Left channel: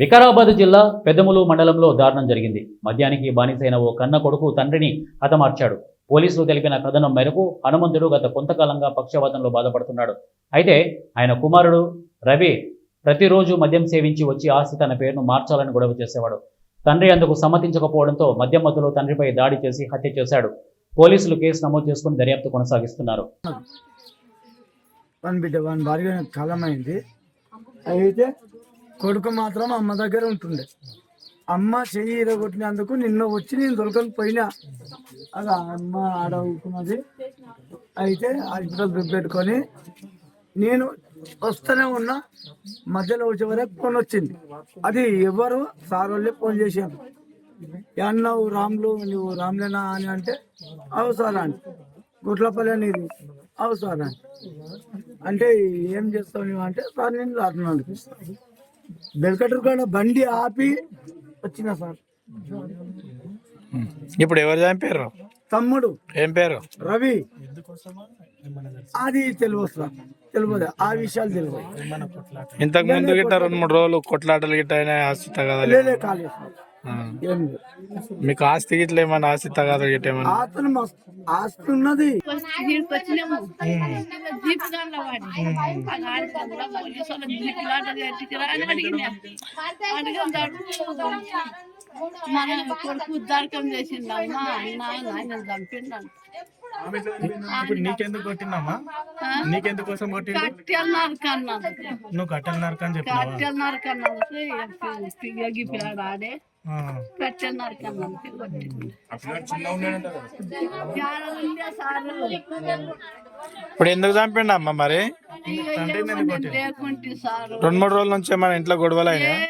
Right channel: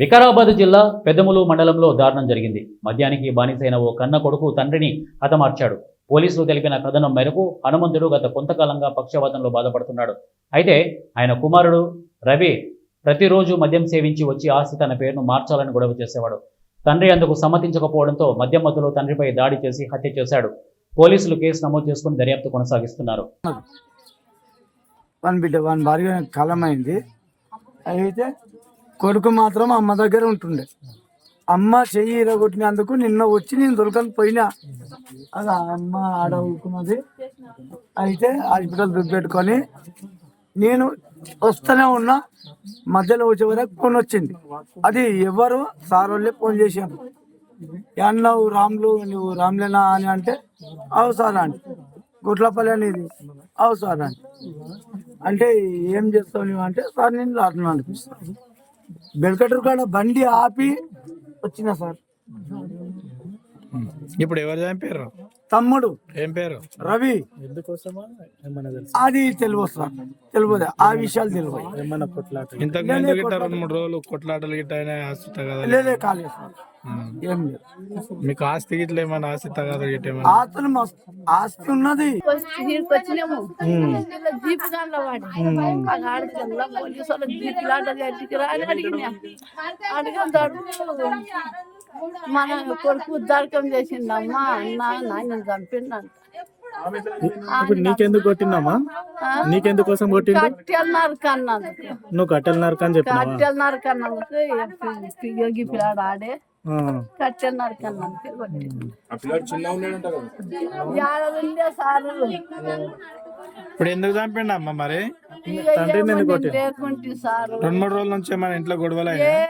వికారాబాద్ జిల్లా పెద్దములు మండలంలో దారుణం జరిగింది. మద్యానికి బానిసైన ఓ కన్న కొడుకు తండ్రిని హతమార్చాడు. పోలీసులు తెలిపిన కథనం మేరకు హనుమంతుడు గత కొంతకాలంగా పక్షవాతంలో బాధపడుతున్నాడు. అయితే ఆయన కుమారుడు రవి ప్రతిరోజు మద్యం సేవించి వచ్చి ఆస్తి తన పేరును మార్చాలని గొడవ చేసేవాడు. తండ్రి అందుకు సమ్మతించకపోవడంతో మద్యం మత్తులో తండ్రిపై దాడి చేసి హత్య చేశాడు. పోలీసులు కేసు నమోదు చేసుకుని దర్యాప్తు కొనసాగిస్తున్నారు. భార్య కాలమైంది. అయితే కొడుకు మాత్రం అమ్మ దగ్గర ఉంటుండే. అమ్మ చెయ్యి ఇరగొట్టినందుకు నిన్న వచ్చి నేను దొరకని పోయినా. అలా అమ్మ ఆడ ఊరుకున్నది. అయితే హాస్పిటల్ పెట్టుకొని నేను వస్తూనే ఉన్నా. మధ్యలో వచ్చే వరకు ఫోన్ వచ్చింది. అది ఎవరు సార్ వాళ్ళే ఫోన్ చేశాను. అన్నావు రాములు, నువ్వు రాములేనా అని అంటే అవు సార్ అని. గుట్లపల్లి అనేది అవు సార్ అని అంటే ఏం చేస్తావు నువ్వు అంటే సార్ నేను రాత్రి అనిపిస్తాను. బెల్కటర్ కాడ బండి ఆపి వచ్చిన సార్. ఇప్పుడు ఎవరు చంపారు? తమ్ముడు. ఏం పేరు? రవి. అది తెలియదు సార్, తెలియదు. ఆ విషయాలు తెలియదు. ఇంతకు ముందు గిట్ట 2-3 రోజులు కొట్లాటలు గిట్ట ఆస్తి తగదా? కాలేదు సార్. ఏం లేదు. మీకు ఆస్తి గిట్ల ఏమన్నా ఆస్తి తగదా గిట్ట ఏమన్నా? ఆస్తి ఉన్నది. మన కొడుకు ఉద్దారకం చేసిండమ్మా నాయన చంపిండంట. నీకెందుకు కొట్టిందమ్మా? నీకెందుకోసం కొట్టి? కట్టెలు నరకన్నందుకు. నువ్వు కట్టెలు నరకని కట్టెలు నరకన్నందుకు పిల్లకి పిల్లాడు ఆడే కట్టెలు నరకన్నందుకే కొట్టింది. ఇప్పుడు ఎందుకు చంపిండమ్మా మరి? లేకుంటే సార్ 2-3 రోజుల నుంచి మన ఇంట్లో గొడవలు అయినా?